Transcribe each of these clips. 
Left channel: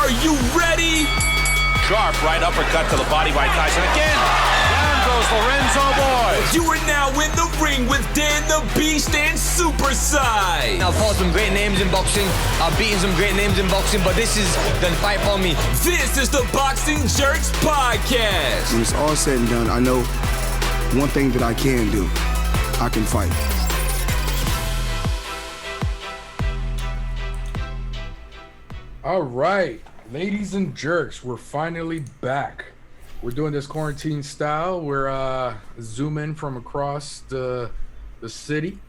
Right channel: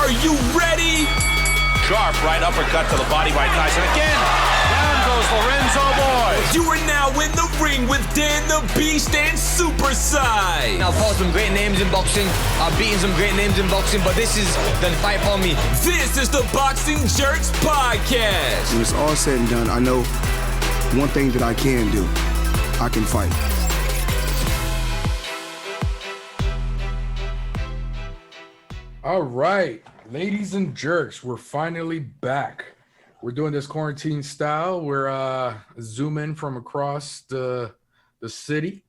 Are you ready? Sharp right uppercut to the body by Tyson. Again, down goes Lorenzo Boy. You are now in the ring with Dan the Beast and Super Size. I've fought some great names in boxing. I've beaten some great names in boxing, but this is the fight for me. This is the Boxing Jerks Podcast. When it's all said and done, I know one thing that I can do. I can fight. All right, ladies and jerks, we're finally back. We're doing this quarantine style. We're zooming from across the city.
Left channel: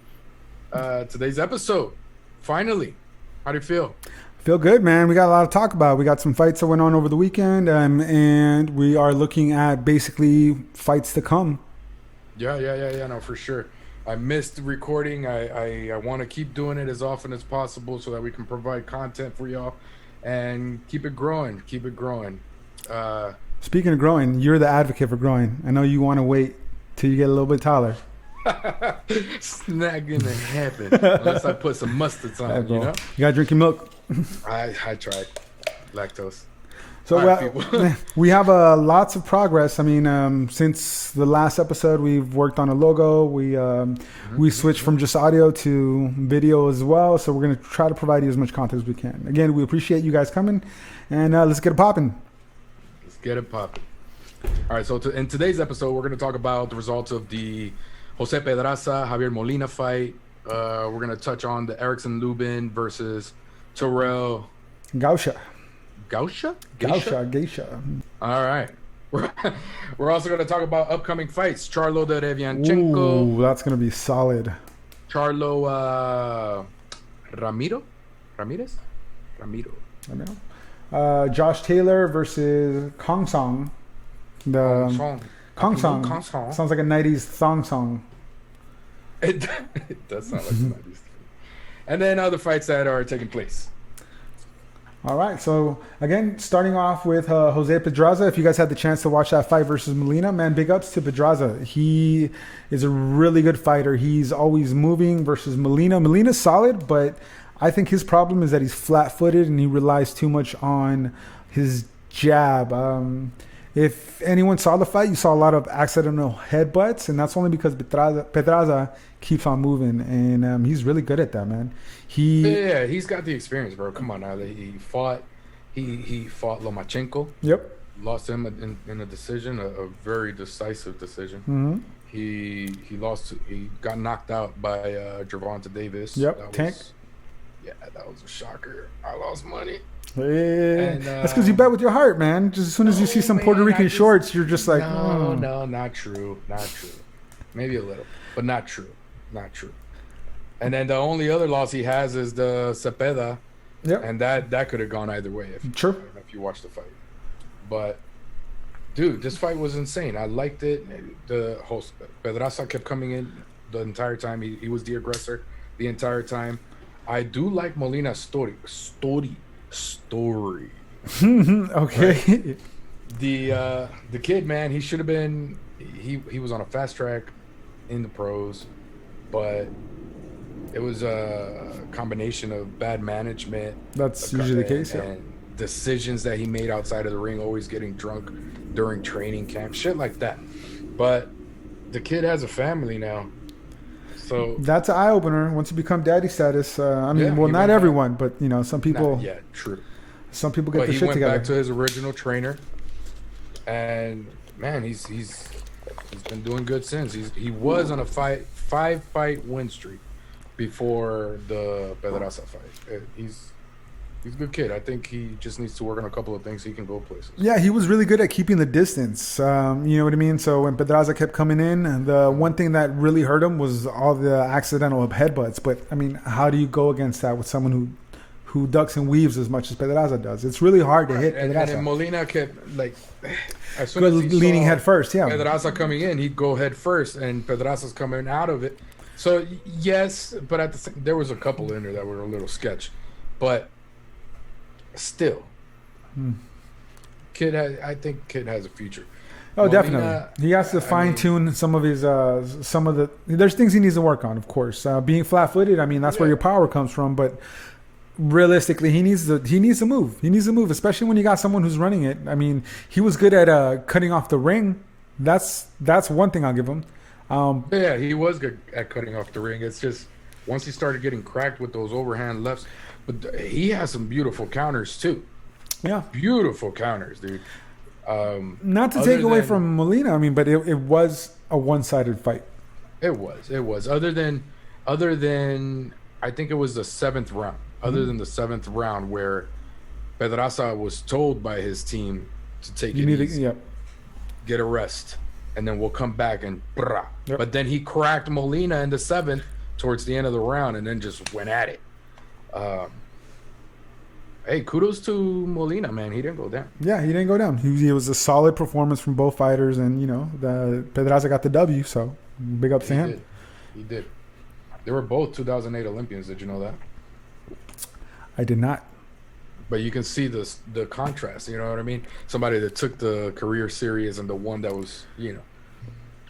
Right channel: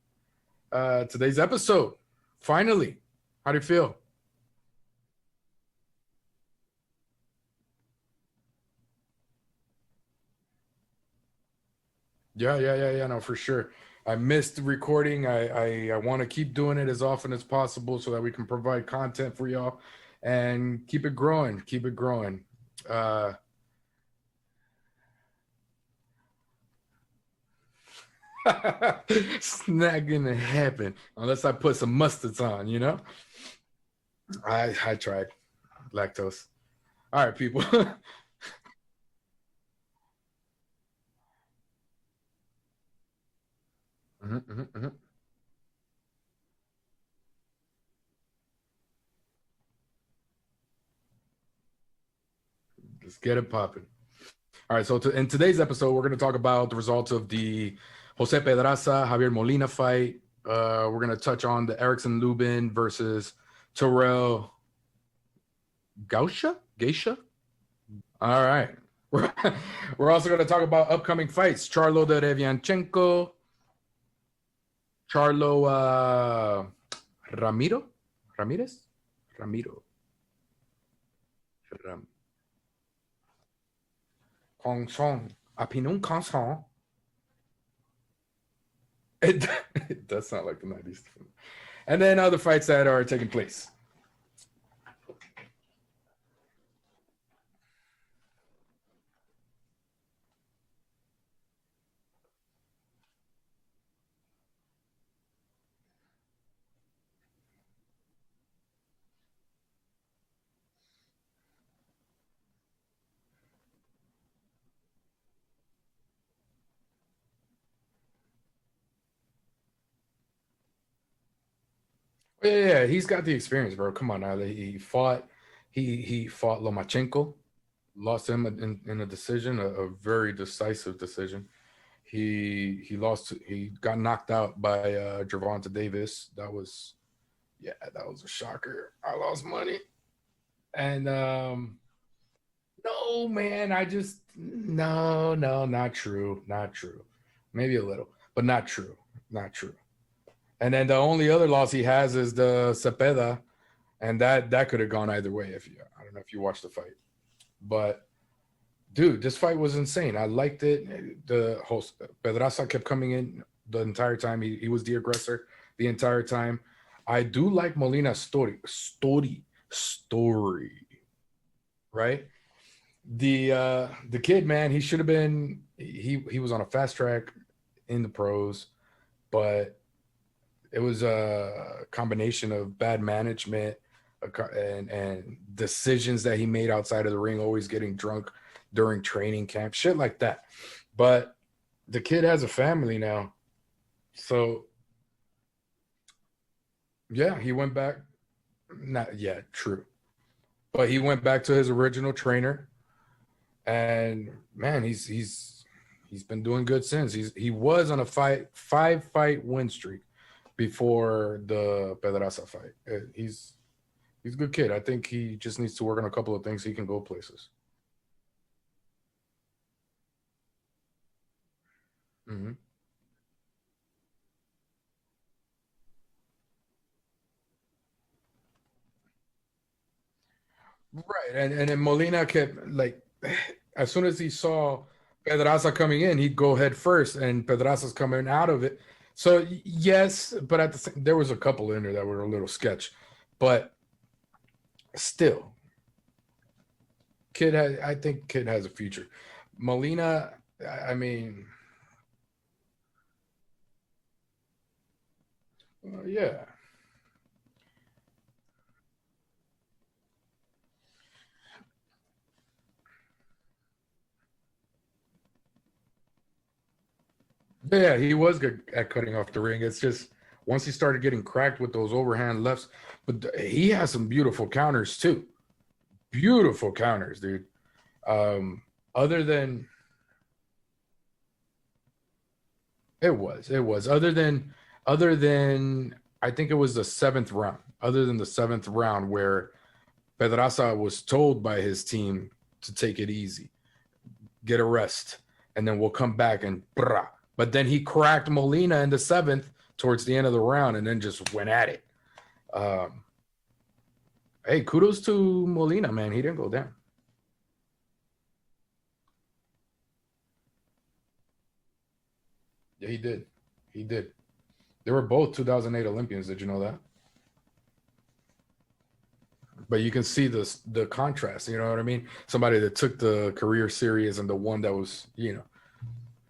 Today's episode, finally. How do you feel? Feel good, man. We got a lot to talk about. We got some fights that went on over the weekend, and we are looking at basically fights to come. Yeah, no, for sure. I missed recording. I want to keep doing it as often as possible so that we can provide content for y'all and keep it growing. Speaking of growing, you're the advocate for growing. I know you want to wait till you get a little bit taller. It's not gonna happen unless I put some mustards on, you know? You gotta drink your milk. I tried lactose. So all right, people. We have lots of progress. I mean, since the last episode, we've worked on a logo. We switched from just audio to video as well. So we're going to try to provide you as much content as we can. Again, we appreciate you guys coming, and let's get it popping. Let's get it popping. All right, so in today's episode, we're going to talk about the results of the Jose Pedraza, Javier Molina fight. We're going to touch on the Erickson Lubin versus Terrell Gausha. Geisha. All right. We're also going to talk about upcoming fights. Charlo de Revianchenko. Ooh, that's going to be solid. Charlo Ramirez. Josh Taylor versus Kong Song. Kong Song. Sounds like a 90s thong song. It does sound like the 90s. And then other fights that are taking place. All right, so again, starting off with Jose Pedraza. If you guys had the chance to watch that fight versus Molina, man, big ups to Pedraza. He is a really good fighter. He's always moving versus Molina. Molina's solid, but I think his problem is that he's flat-footed and he relies too much on his jab. If anyone saw the fight, you saw a lot of accidental headbutts, and that's only because Pedraza keeps on moving, and he's really good at that, man. He's got the experience, bro. Come on now. He fought Lomachenko. Yep. Lost him in a decision, a very decisive decision. Mm-hmm. He got knocked out by Gervonta Davis. Yep. That was a shocker. I lost money. Hey, and that's because you bet with your heart, man. Just as soon as you see some Puerto Rican shorts, you're just like, no, not true. Maybe a little, but not true. And then the only other loss he has is the Cepeda, and that could have gone either way. Sure. I don't know if you watched the fight, but dude, this fight was insane. I liked it. The host Pedraza kept coming in the entire time. He was the aggressor the entire time. I do like Molina's story. Okay. Right? The kid, man, he should have been. He was on a fast track in the pros, but it was a combination of bad management. That's usually the case. And decisions that he made outside of the ring, always getting drunk during training camp, shit like that. But the kid has a family now. So that's an eye opener once you become daddy status. Not everyone, but some people. True. Some people get. But the he shit went together. back to his original trainer, and man, he's been doing good since. He was on a five fight win streak before the Pedraza fight. He's a good kid. I think he just needs to work on a couple of things so he can go places. Yeah, he was really good at keeping the distance. You know what I mean? So when Pedraza kept coming in, the one thing that really hurt him was all the accidental headbutts. But, I mean, how do you go against that with someone who ducks and weaves as much as Pedraza does? It's really hard to hit. And then Molina kept, as soon as he leaning saw head first, Pedraza coming in, he'd go head first, and Pedraza's coming out of it. So, yes, but there was a couple in there that were a little sketch. But still, I think kid has a future. Oh, Molina, definitely. He has to fine tune some of his, there's things he needs to work on, of course. Being flat footed, that's where your power comes from. But realistically, he needs to move. He needs to move, especially when you got someone who's running it. I mean, he was good at cutting off the ring. That's one thing I'll give him. Yeah, he was good at cutting off the ring. It's just once he started getting cracked with those overhand lefts, but he has some beautiful counters too. Yeah, Beautiful counters, dude. not to take away from Molina. I mean, but it was a one-sided fight. It was. Other than, I think it was the 7th round. Other than the 7th round where Pedraza was told by his team to take it easy, get a rest, and then we'll come back and brah. Yep. But then he cracked Molina in the 7th towards the end of the round and then just went at it. Hey, kudos to Molina, man. He didn't go down. Yeah, he didn't go down. He was a solid performance from both fighters, and the Pedraza got the W. So big ups to him. He did. They were both 2008 Olympians. Did you know that? I did not. But you can see the contrast. You know what I mean? Somebody that took the career serious and the one that was,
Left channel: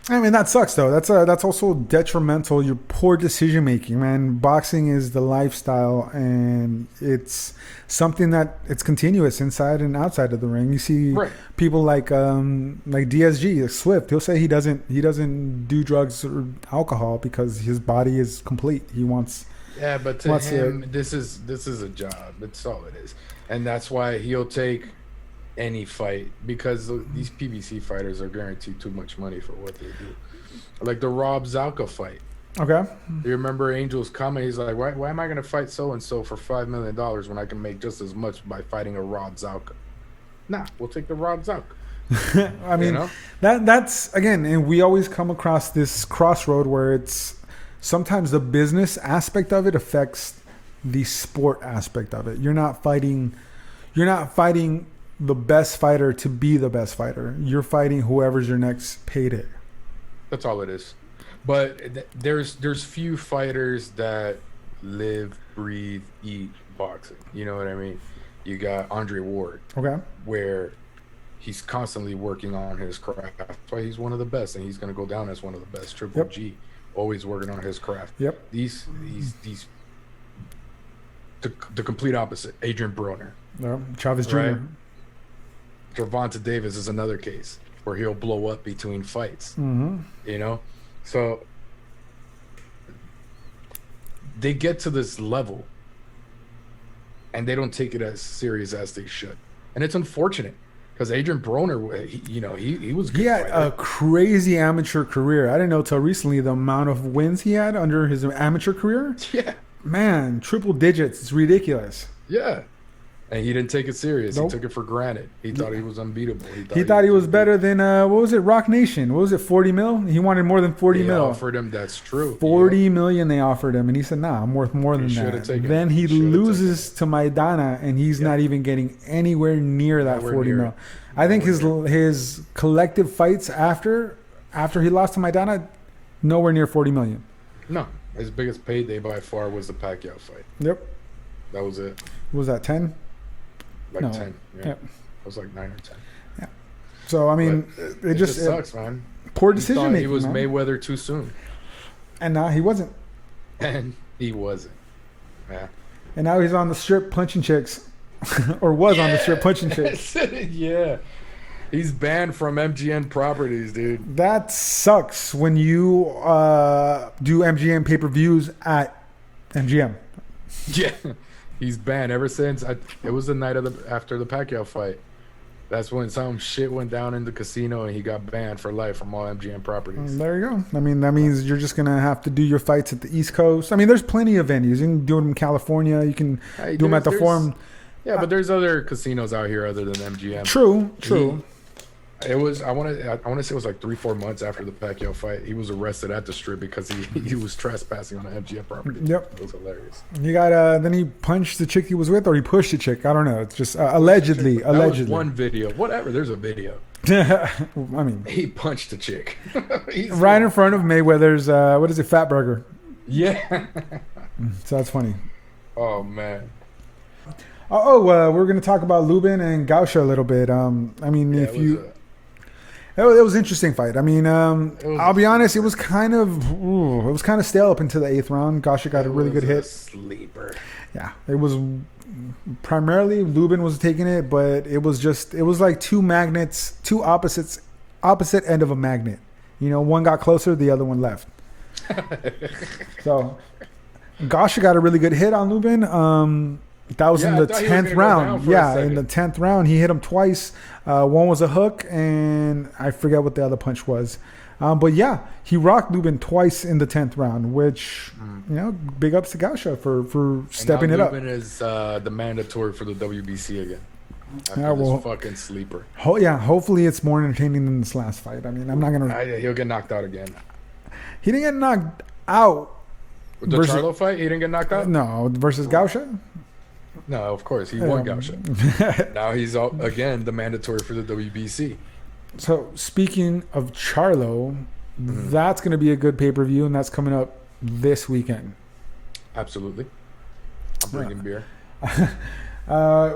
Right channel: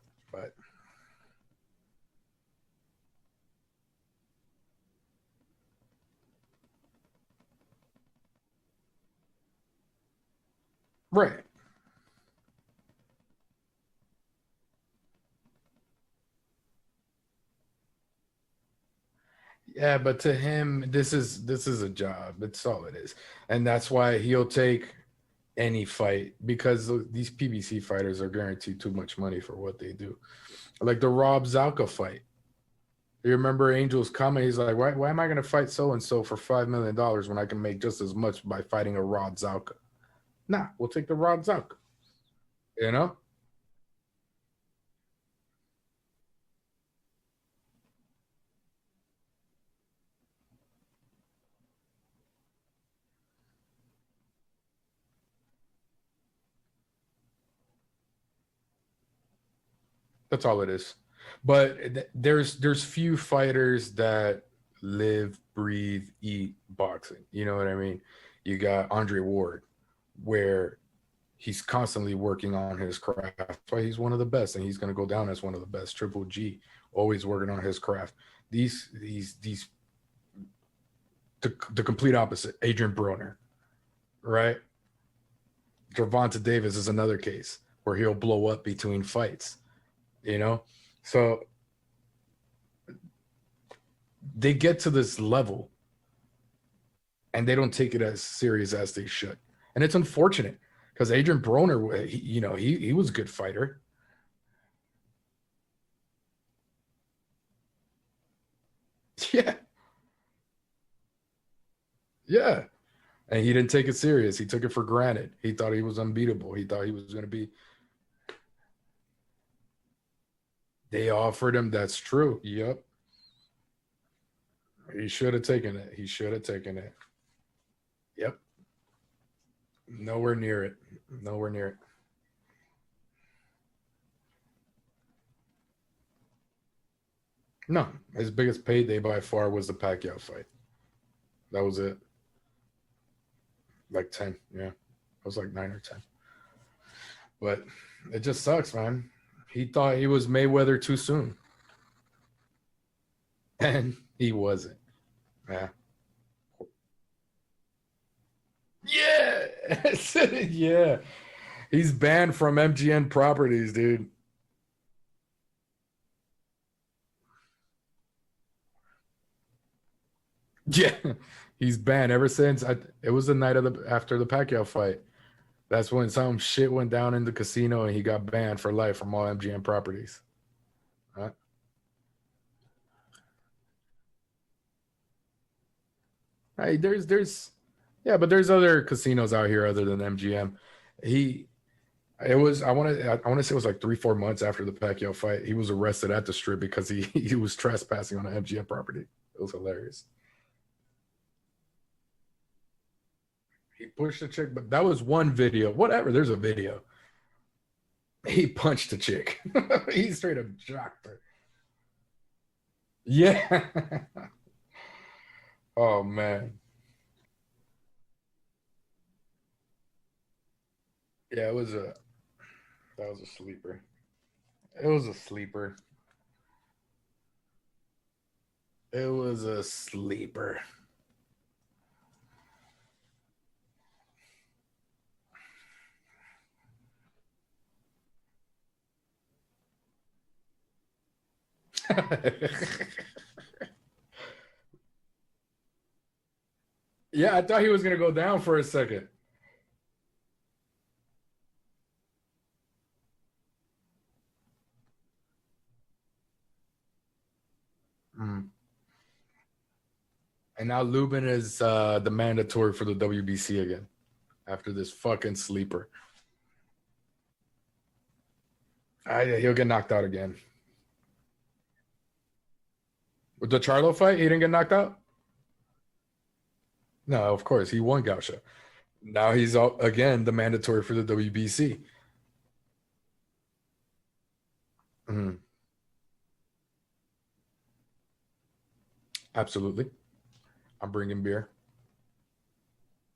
I mean, that sucks though. That's also detrimental. Your poor decision making, man. Boxing is the lifestyle, and it's something that it's continuous inside and outside of the ring. You see people like DSG, Swift. He'll say he doesn't do drugs or alcohol because his body is complete. He wants. Yeah, but to him, this is a job. That's all it is, and that's why he'll take any fight, because these PBC fighters are guaranteed too much money for what they do. Like the Rob Zalka fight. Okay. You remember Angel's comment? He's like, why am I going to fight so-and-so for $5 million when I can make just as much by fighting a Rob Zalka? Nah, we'll take the Rob Zalka. I mean, that's, again, and we always come across this crossroad where it's sometimes the business aspect of it affects the sport aspect of it. You're not fighting the best fighter to be the best fighter. You're fighting whoever's your next payday. That's all it is. But there's few fighters that live, breathe, eat boxing. You know what I mean? You got Andre Ward, where he's constantly working on his craft. That's why he's one of the best, and he's going to go down as one of the best. Triple G, always working on his craft. These the complete opposite. Adrian Broner, Chavez Jr. Gervonta Davis is another case where he'll blow up between fights. So they get to this level and they don't take it as serious as they should, and it's unfortunate because Adrian Broner, he was a good fighter. He had a crazy amateur career. I didn't know till recently the amount of wins he had under his amateur career. Yeah, man, triple digits. It's ridiculous. Yeah. And he didn't take it serious. Nope. He took it for granted. He thought he was unbeatable. He thought he was better than what was it? Rock Nation. What was it? 40 mil? He wanted more than 40 mil. They offered him. That's true. 40 million they offered him, and he said, "Nah, I'm worth more than that." Should have taken. Then he loses to Maidana, and he's not even getting anywhere near that 40 mil. I think his collective fights after he lost to Maidana, nowhere near 40 million. No, his biggest payday by far was the Pacquiao fight. Yep, that was it. What was that 10? 10, yeah. It was like 9 or 10. Yeah. So I mean, it just sucks, man. Poor decision. He thought he was Mayweather too soon, and now he wasn't. Yeah. And now he's on the strip punching chicks, or was on the strip punching chicks. Yeah. He's banned from MGM properties, dude. That sucks when you do MGM pay-per-views at MGM. Yeah. He's banned ever since it was the night after the Pacquiao fight. That's when some shit went down in the casino and he got banned for life from all MGM properties. There you go. I mean, that means you're just gonna have to do your fights at the East Coast. I mean, there's plenty of venues. You can do them in California. You can do them at the Forum. Yeah, but there's other casinos out here other than MGM. True. It was I want to say it was like 3-4 months after the Pacquiao fight. He was arrested at the strip because he was trespassing on an MGM property. Yep, it was hilarious. He got then he punched the chick he was with, or he pushed the chick. I don't know. It's just allegedly. That was one video. Whatever. There's a video. I mean, he punched the chick right in front of Mayweather's. What is it? Fat Burger. Yeah. So that's funny. Oh man. We're going to talk about Lubin and Gausha a little bit. I mean, It was an interesting fight. I mean, I'll be honest, it was kind of stale up into the 8th round. Gosha got a really good hit. Sleeper. Yeah, it was primarily Lubin was taking it, but it was like two magnets, two opposite end of a magnet. You know, one got closer, the other one left. So Gosha got a really good hit on Lubin. That was in the 10th round. In the 10th round, he hit him twice. One was a hook, and I forget what the other punch was. But yeah, he rocked Lubin twice in the 10th round, which, you know, big ups to Gosha for stepping it up. Lubin is the mandatory for the WBC again after this fucking sleeper. Hopefully it's more entertaining than this last fight. I mean, I'm not going to... He'll get knocked out again. He didn't get knocked out. The Charlo fight, he didn't get knocked out? No, versus Gosha? No, of course. He won Gosha. Now he's, again, the mandatory for the WBC. So, speaking of Charlo, that's going to be a good pay-per-view, and that's coming up this weekend. Absolutely. I'm bringing beer. I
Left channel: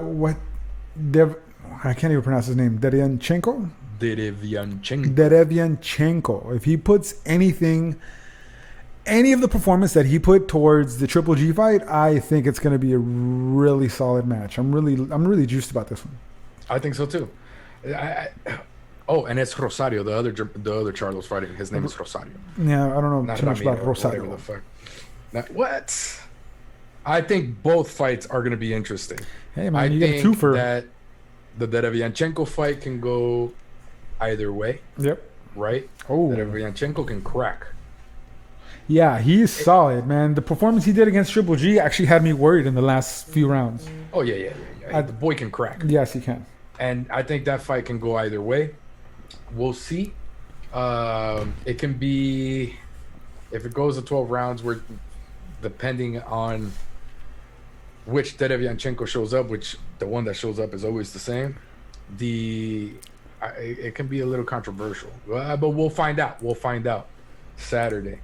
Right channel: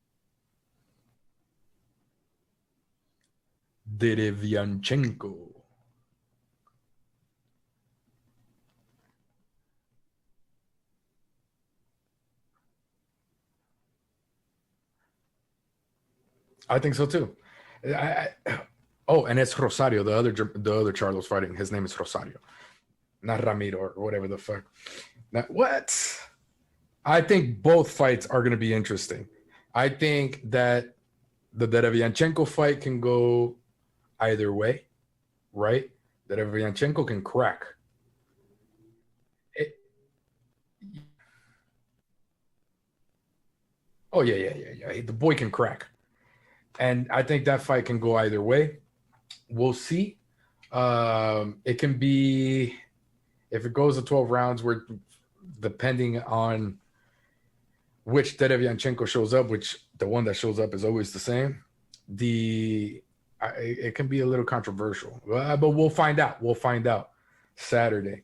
can't even pronounce his name. Derevianchenko? Derevianchenko. If he puts any of the performance that he put towards the Triple G fight, I think it's going to be a really solid match. I'm really juiced about this one. I think so too. And it's Rosario, the other Charlo's fighting. His name is Rosario. Yeah, I don't know. Not Ramiro or whatever the fuck. What? I think both fights are going to be interesting. Hey, man, I think that the Derevianchenko fight can go either way. Yep. Right? Oh. Derevianchenko can crack. Yeah, he's solid, man. The performance he did against Triple G actually had me worried in the last few rounds. Oh, yeah. The boy can crack. Yes, he can. And I think that fight can go either way. We'll see. It can be, if it goes to 12 rounds, where depending on which Derevianchenko shows up, which the one that shows up is always the same, it can be a little controversial. But we'll find out. Saturday.